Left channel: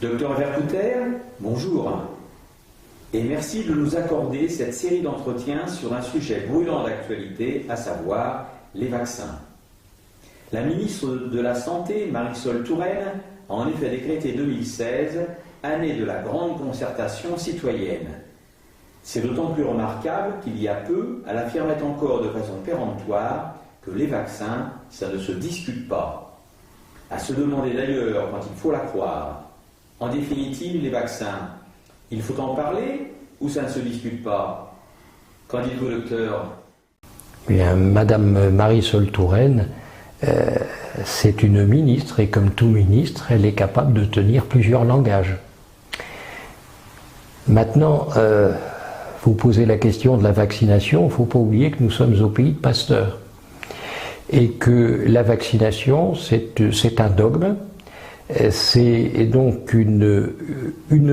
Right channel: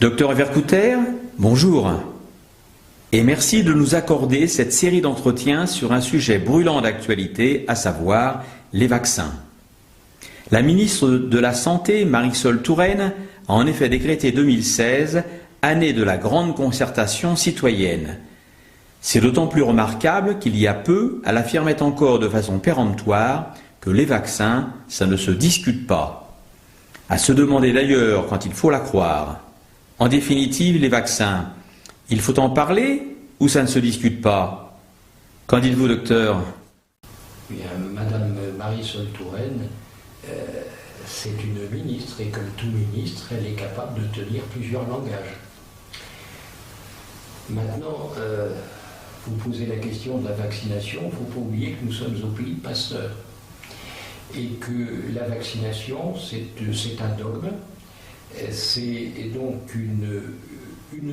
Docteur Vercouter, bonjour et merci de nous accorder cette série d'entretiens sur un sujet brûlant d'actualité, à savoir les vaccins. La ministre de la Santé, Marisol Touraine, a en effet décrété 2016 année de la grande concertation citoyenne. C'est d'autant plus remarquable qu'il y a peu, elle affirmait encore de façon péremptoire que les vaccins, ça ne se discute pas. À se demander d'ailleurs quand il faut la croire. En définitive, les vaccins, il faut en parler ou ça ne se discute pas? Qu'en dites-vous, docteur? Bien, Madame Marisol Touraine, c'est une ministre et comme tout ministre, elle est capable de tenir plusieurs langages. Maintenant, vous posez la question de la vaccination, il ne faut pas oublier que nous sommes au pays de Pasteur et que la vaccination, c'est un dogme. C'est donc une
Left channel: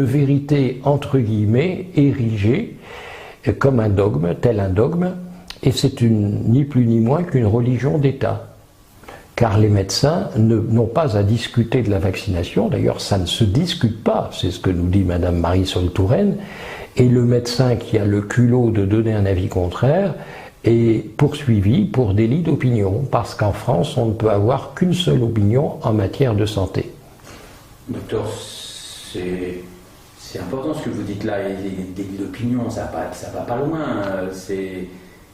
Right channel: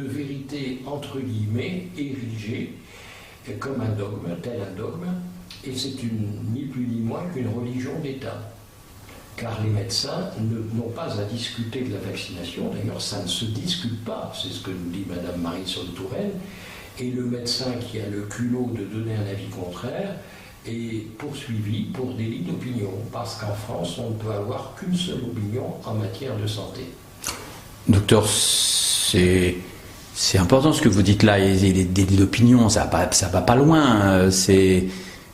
vérité entre guillemets érigée comme un dogme, tel un dogme, et c'est ni plus ni moins qu'une religion d'État. Car les médecins n'ont pas à discuter de la vaccination, d'ailleurs ça ne se discute pas, c'est ce que nous dit Madame Marisol Touraine, Et le médecin qui a le culot de donner un avis contraire est poursuivi pour délit d'opinion, parce qu'en France, on ne peut avoir qu'une seule opinion en matière de santé. Docteur, c'est important ce que vous dites là, les délits d'opinion, ça va pas loin.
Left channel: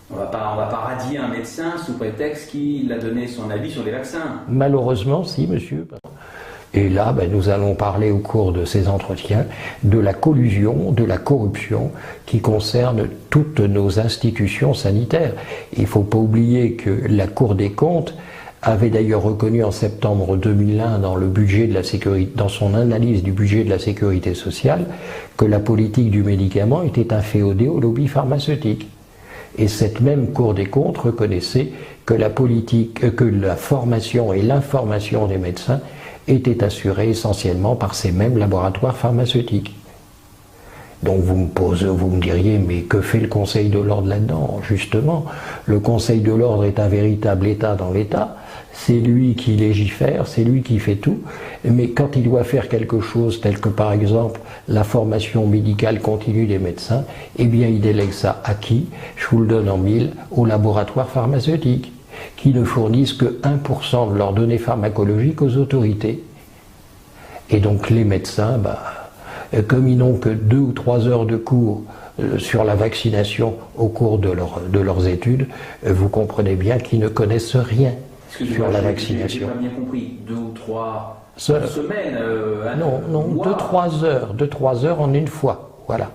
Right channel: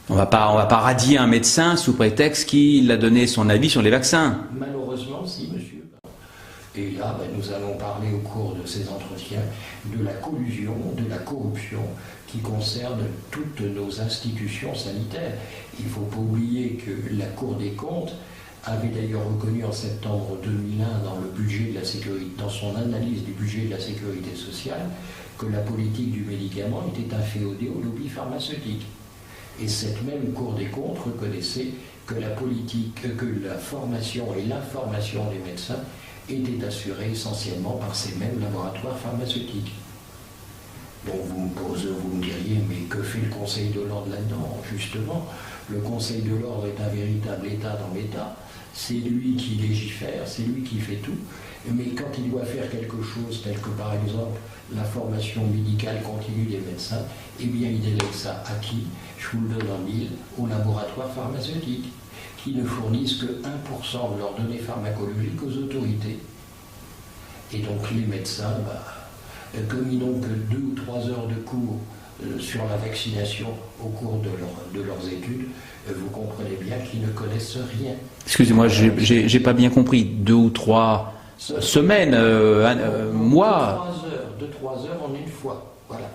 On va pas radier un médecin sous prétexte qu'il a donné son avis sur les vaccins. Malheureusement, si, monsieur. Et là, nous allons parler au cours de ces entretiens de la collusion, de la corruption qui concerne toutes nos institutions sanitaires. Il ne faut pas oublier que la Cour des comptes avait d'ailleurs reconnu en septembre 2001 dans le budget de la sécurité, dans son analyse du budget de la sécurité sociale, que la politique du médicament était inféodée au lobby pharmaceutique. Et cette même Cour des comptes reconnaissait que que la formation et l'information des médecins était assurée essentiellement par ces mêmes laboratoires pharmaceutiques. Donc vous me diriez, mais que fait le Conseil de l'ordre là-dedans? Justement, le Conseil de l'ordre est un véritable État dans l'État, c'est lui qui légifère, c'est lui qui fait tout, mais quand il doit faire quelque chose tel que par exemple la formation médicale continue des médecins, eh bien il délègue ça à qui? Je vous le donne en mille, aux laboratoires pharmaceutiques, qui ne fournissent que 1% de leurs données pharmacologiques aux autorités. Et donc les médecins, comme ils n'ont que 2 ou 3 heures de cours sur la vaccination au cours de leurs études, vous comprenez bien qu'ils ne connaissent rien. Excusez-moi, j'ai pas bien compris. 2 ou 3 semaines, mois? 2-3 heures en une fois, voilà.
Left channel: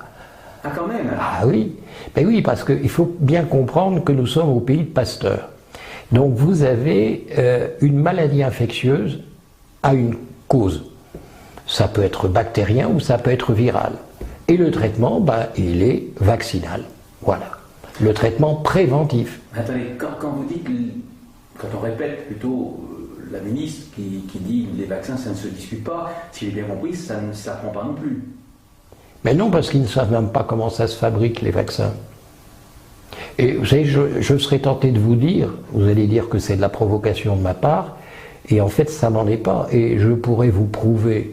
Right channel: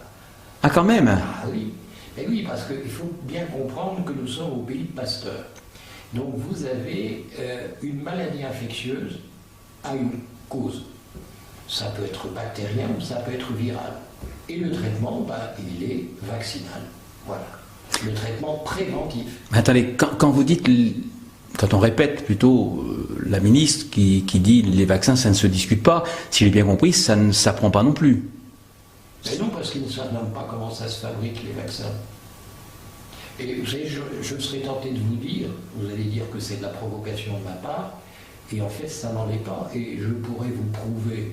Ah, quand même? Ah oui, ben oui, parce qu'il faut bien comprendre que nous sommes au pays de Pasteur. Donc vous avez une maladie infectieuse à une cause. Ça peut être bactérien ou ça peut être viral. Et le traitement, il est vaccinal. Voilà. Le traitement préventif. Mais attendez, quand vous dites, quand on répète plutôt la ministre qui dit les vaccins, ça ne se discute pas, si j'ai bien compris, ça ne s'apprend pas non plus. Mais non, parce qu'ils ne savent même pas comment ça se fabrique, les vaccins. Et vous savez, je serais tenté de vous dire, vous allez dire que c'est de la provocation de ma part, et en fait ça n'en est pas. Et je pourrais vous prouver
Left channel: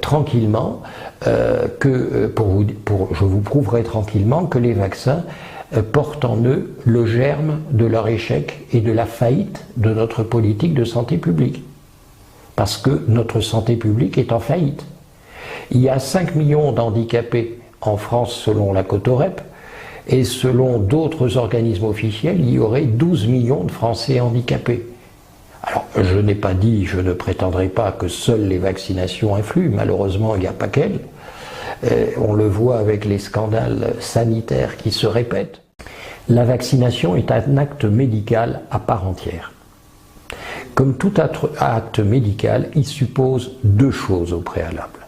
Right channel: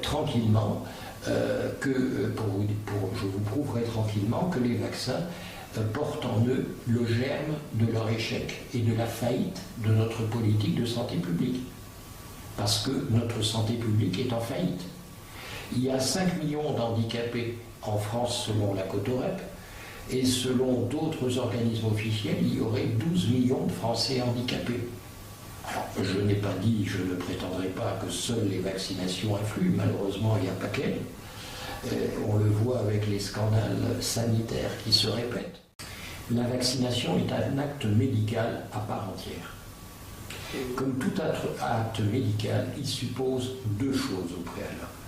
tranquillement je vous prouverai tranquillement que les vaccins portent en eux le germe de leur échec et de la faillite de notre politique de santé publique. Parce que notre santé publique est en faillite. Il y a 5 millions d'handicapés en France selon la Cotorep, et selon d'autres organismes officiels, il y aurait 12 millions de Français handicapés. Alors, je n'ai pas dit, je ne prétendrai pas que seules les vaccinations influent, malheureusement, il n'y a pas qu'elles. On le voit avec les scandales sanitaires qui se répètent. La vaccination est un acte médical à part entière. Comme tout acte médical, il suppose 2 choses au préalable.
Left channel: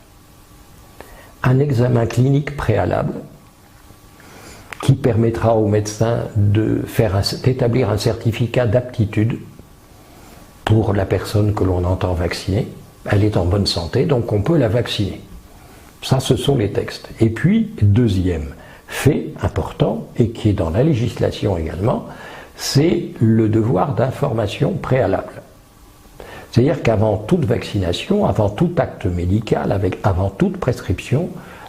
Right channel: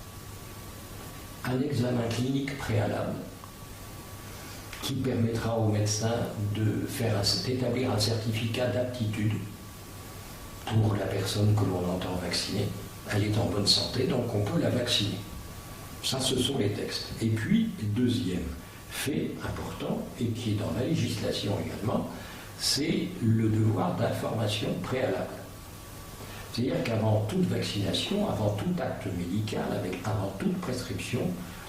Un examen clinique préalable, qui permettra au médecin d'établir un certificat d'aptitude pour la personne que l'on entend vacciner. Elle est en bonne santé, donc on peut la vacciner. Ça, ce sont les textes. Et puis, deuxième fait important, et qui est dans la législation également, c'est le devoir d'information préalable. C'est-à-dire qu'avant toute vaccination, avant tout acte médical, avant toute prescription,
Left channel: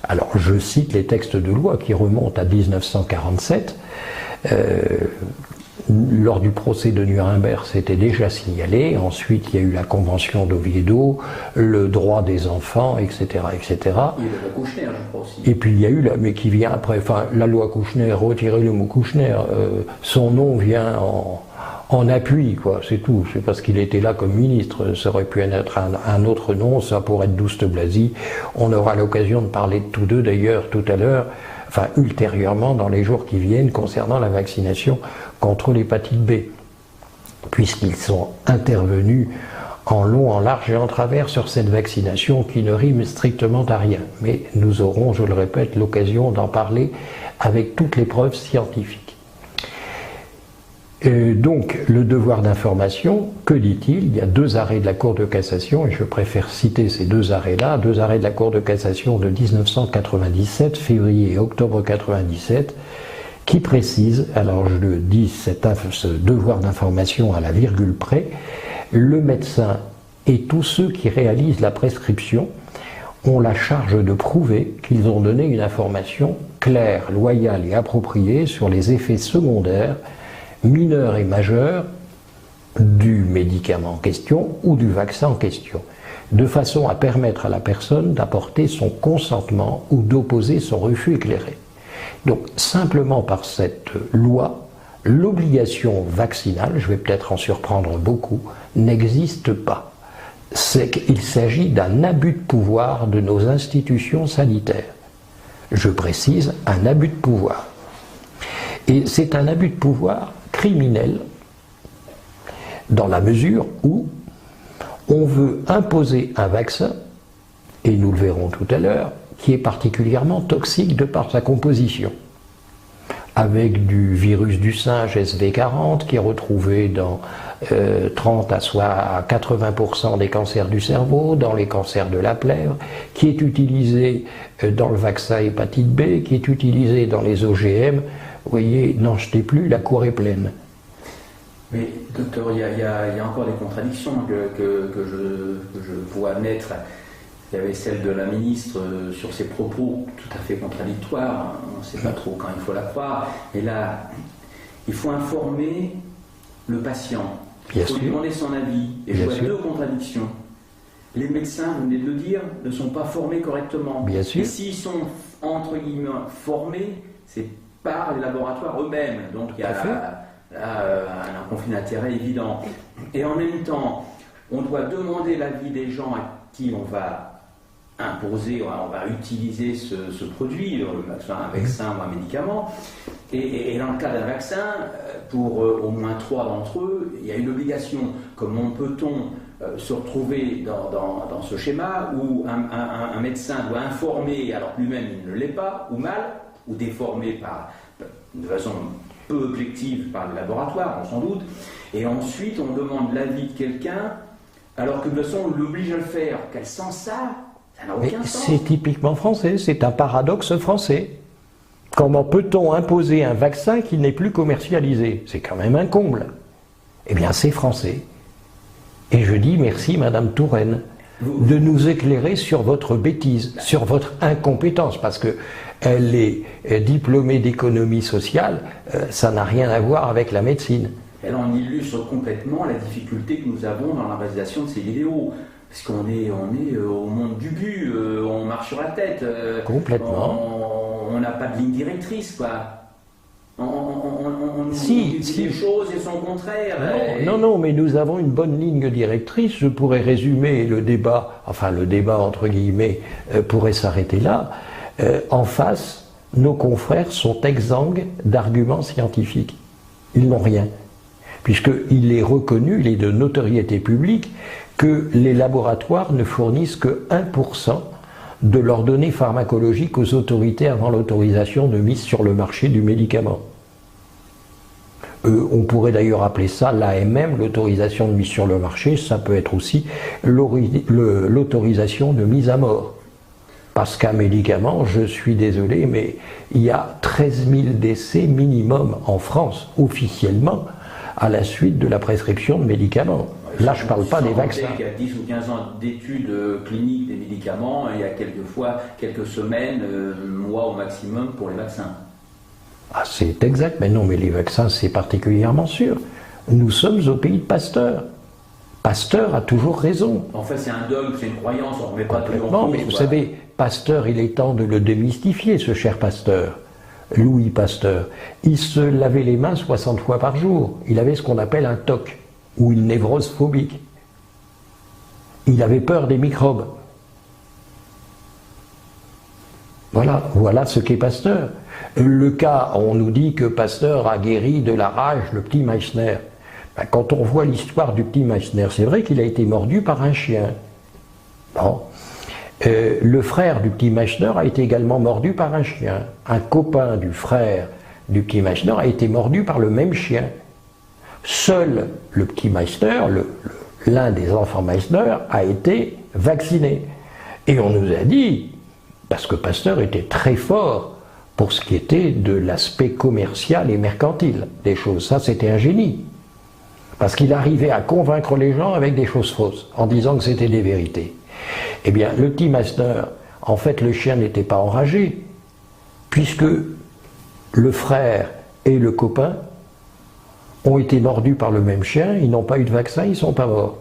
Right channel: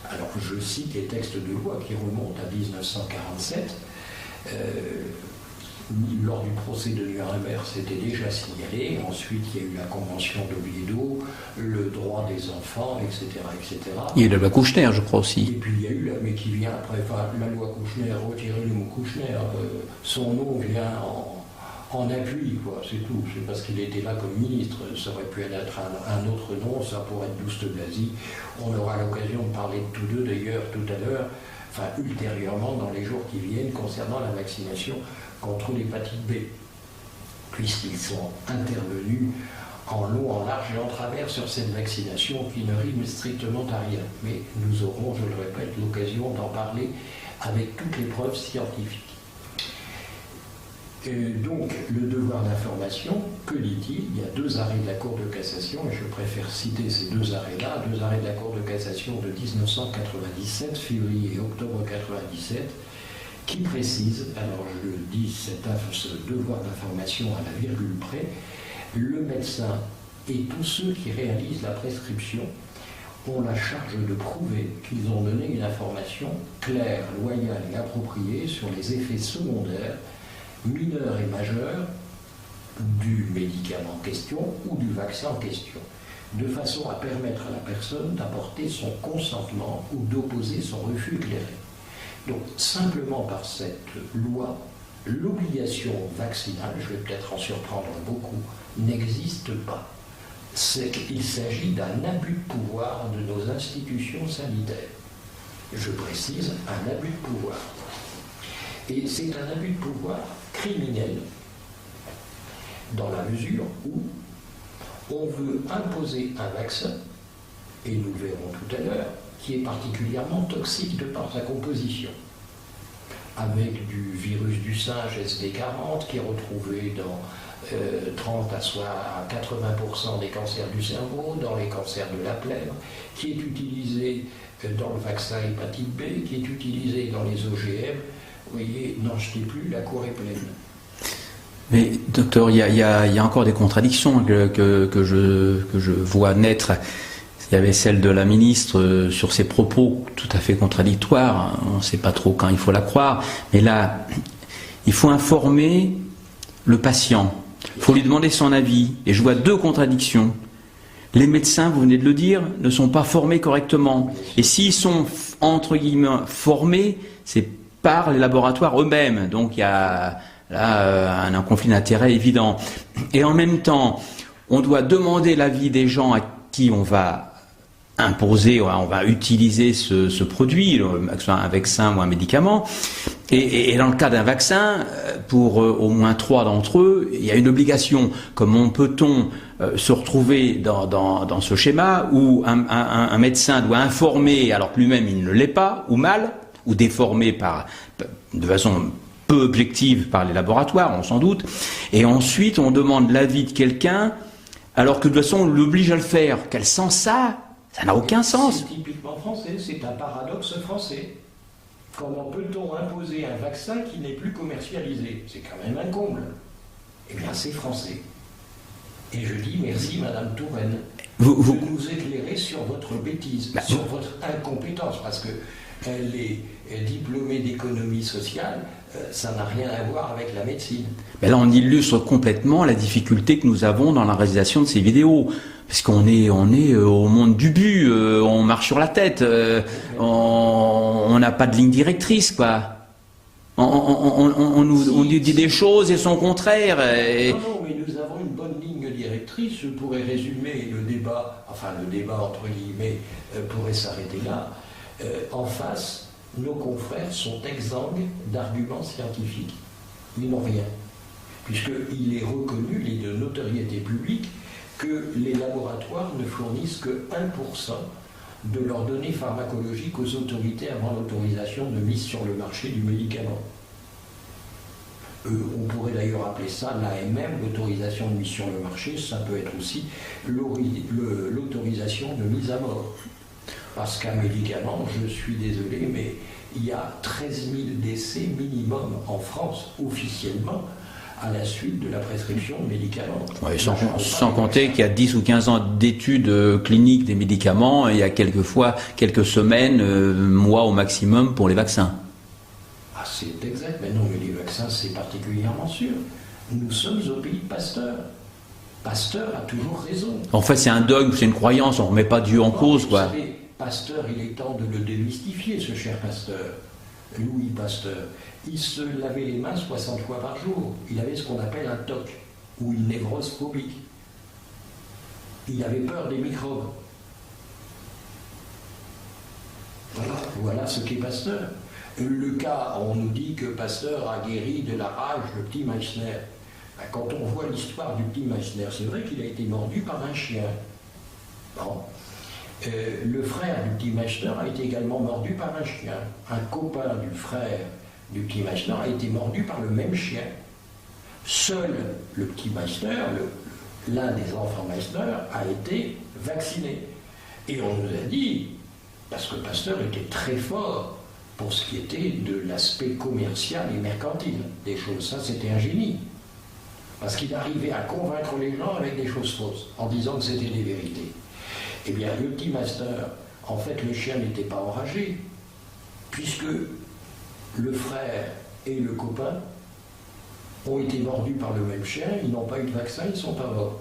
alors je cite les textes de loi qui remontent à 1947, lors du procès de Nuremberg, c'était déjà signalé. Ensuite, il y a eu la convention d'Oviedo, le droit des enfants, etc., etc. Il y a la loi Kouchner, je crois aussi. Et puis il y a eu, mais qui vient après, la loi Kouchner, retirez le mot Kouchner, son nom vient en appui, quoi, c'est tout. C'est parce qu'il était là comme ministre. Ça aurait pu être un autre nom, ça pourrait être Douste Blazy. On aura l'occasion de parler de tous deux d'ailleurs tout à l'heure, ultérieurement dans les jours qui viennent concernant la vaccination contre l'hépatite B, puisqu'ils sont intervenus en long, en large et en travers sur cette vaccination qui ne rime strictement à rien. Mais nous aurons, je le répète, l'occasion d'en parler avec toutes les preuves scientifiques. Donc, le devoir d'information, que dit-il? Il y a 2 arrêts de la Cour de cassation, et je préfère citer ces 2 arrêts-là, 2 arrêts de la Cour de cassation de 1997, février et octobre 1997, qui précisent, alors je le dis, ce devoir d'information à la virgule près, le médecin et tous ceux qui réalisent la prescription ont la charge de prouver qu'ils ont donné une information claire, loyale et appropriée sur les effets secondaires, mineurs et majeurs, du médicament en question ou du vaccin en question, de façon à permettre à la personne d'apporter son consentement ou d'opposer son refus éclairé. Donc, simplement par cette loi, l'obligation vaccinale, je vais peut-être en surprendre beaucoup, n'existe pas. C'est qu'il s'agit d'un abus de pouvoir de nos institutions sanitaires. Je précise, un abus de pouvoir. Et c'est un abus de pouvoir criminel dans la mesure où on veut imposer un vaccin, et nous le verrons tout à l'heure, qui est particulièrement toxique de par sa composition, avec du virus du singe SV40 qui est retrouvé dans 30 à 80% des cancers du cerveau, dans les cancers de la plèvre, qui est utilisé dans le vaccin hépatite B, qui est utilisé dans les OGM. Vous voyez, n'en jetez plus, la cour est pleine. Mais docteur, il y a encore des contradictions que je vois naître. Il y avait celle de la ministre sur ses propos tout à fait contradictoires. On ne sait pas trop quand il faut la croire. Mais là, il faut informer le patient. Il faut lui demander son avis. Et je vois deux contradictions. Les médecins, vous venez de le dire, ne sont pas formés correctement. Et s'ils sont, entre guillemets, formés, c'est par les laboratoires eux-mêmes. Donc il y a là un conflit d'intérêts évident. Et en même temps, on doit demander l'avis des gens à qui on va imposer, on va utiliser ce produit, un vaccin ou un médicament. Et dans le cas d'un vaccin, pour au moins 3 d'entre eux, il y a une obligation. Comment peut-on se retrouver dans ce schéma où un médecin doit informer alors que lui-même il ne l'est pas, ou mal, ou déformé de façon peu objective par les laboratoires, on s'en doute, et ensuite on demande l'avis de quelqu'un alors que de toute façon on l'oblige à le faire. Quel sens ça? Ça n'a aucun sens. C'est typiquement français, c'est un paradoxe français. Comment peut-on imposer un vaccin qui n'est plus commercialisé? C'est quand même un comble. Eh bien c'est français. Et je dis merci Madame Touraine de nous éclairer sur votre bêtise, sur votre incompétence, parce que elle est diplômée d'économie sociale, ça n'a rien à voir avec la médecine. Mais là on illustre complètement la difficulté que nous avons dans la réalisation de ces vidéos. Parce qu'on est au monde du but, on marche sur la tête, on n'a pas de ligne directrice, quoi. On nous dit des choses et son contraire. Non, mais nous avons une bonne ligne directrice. Je pourrais résumer le débat, enfin le débat entre guillemets pourrait s'arrêter là. En face, nos confrères sont exsangues d'arguments scientifiques. Ils n'ont rien. Puisqu'il est reconnu, il est de notoriété publique, que les laboratoires ne fournissent que 1% de leurs données pharmacologiques aux autorités avant l'autorisation de mise sur le marché du médicament. On pourrait d'ailleurs appeler ça l'AMM, l'autorisation de mise sur le marché, ça peut être aussi l'autorisation de mise à mort. Parce qu'un médicament, je suis désolé, mais il y a 13 000 décès minimum en France, officiellement, à la suite de la prescription de médicaments. Ouais, là, je parle pas sans compter qu'il y a 10 ou 15 ans d'études cliniques des médicaments, et il y a quelquefois quelques semaines, mois au maximum pour les vaccins. Ah, c'est exact, mais non, mais les vaccins, c'est particulièrement sûr. Nous sommes au pays de Pasteur. Pasteur a toujours raison. En fait, c'est un dogme, c'est une croyance, on ne remet pas Dieu en cause. Vous savez, Pasteur, il est temps de le démystifier, ce cher Pasteur. Louis Pasteur, il se lavait les mains 60 fois par jour. Il avait ce qu'on appelle un TOC, ou une névrose phobique. Il avait peur des microbes. Voilà ce qu'est Pasteur. Le cas, on nous dit que Pasteur a guéri de la rage le petit Meissner. Quand on voit l'histoire du petit Meissner, c'est vrai qu'il a été mordu par un chien. Bon. Le frère du petit Meissner a été également mordu par un chien. Un copain du frère du petit Meissner a été mordu par le même chien. Seul le petit Meissner, l'un des enfants Meissner, a été vacciné. Et on nous a dit, parce que Pasteur était très fort pour ce qui était de l'aspect commercial et mercantile des choses. Ça, c'était un génie. Parce qu'il arrivait à convaincre les gens avec des choses fausses, en disant que c'était des vérités. Eh bien, le petit Pasteur, en fait, le chien n'était pas enragé, puisque le frère et le copain ont été mordus par le même chien, ils n'ont pas eu de vaccin, ils ne sont pas morts.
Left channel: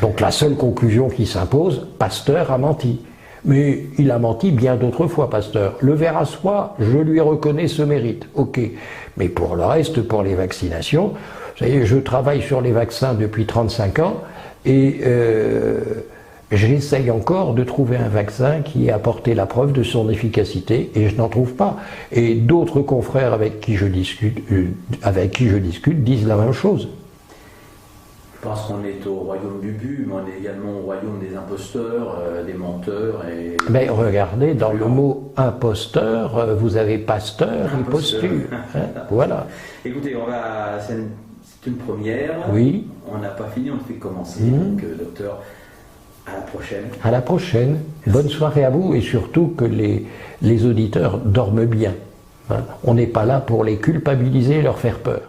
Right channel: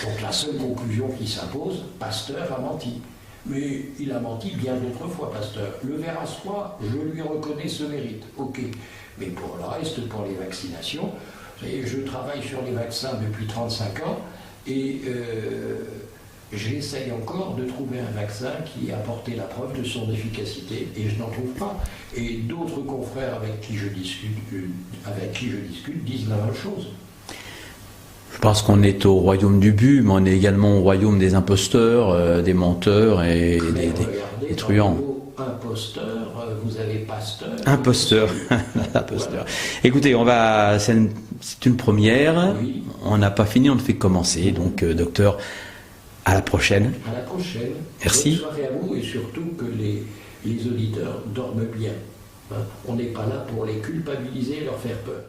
Donc la seule conclusion qui s'impose, Pasteur a menti. Mais il a menti bien d'autres fois, Pasteur. Le ver à soie, je lui reconnais ce mérite, ok. Mais pour le reste, pour les vaccinations, vous savez, je travaille sur les vaccins depuis 35 ans et j'essaye encore de trouver un vaccin qui ait apporté la preuve de son efficacité et je n'en trouve pas. Et d'autres confrères avec qui je discute disent la même chose. Je pense qu'on est au royaume du but, mais on est également au royaume des imposteurs, des menteurs et regardez, des dans le mot imposteur, vous avez pasteur. Imposteur. Voilà. Écoutez, c'est une première. Oui. On n'a pas fini, on ne fait que commencer. Donc, docteur, à la prochaine. À la prochaine. Merci. Bonne soirée à vous et surtout que les auditeurs dorment bien. On n'est pas là pour les culpabiliser et leur faire peur.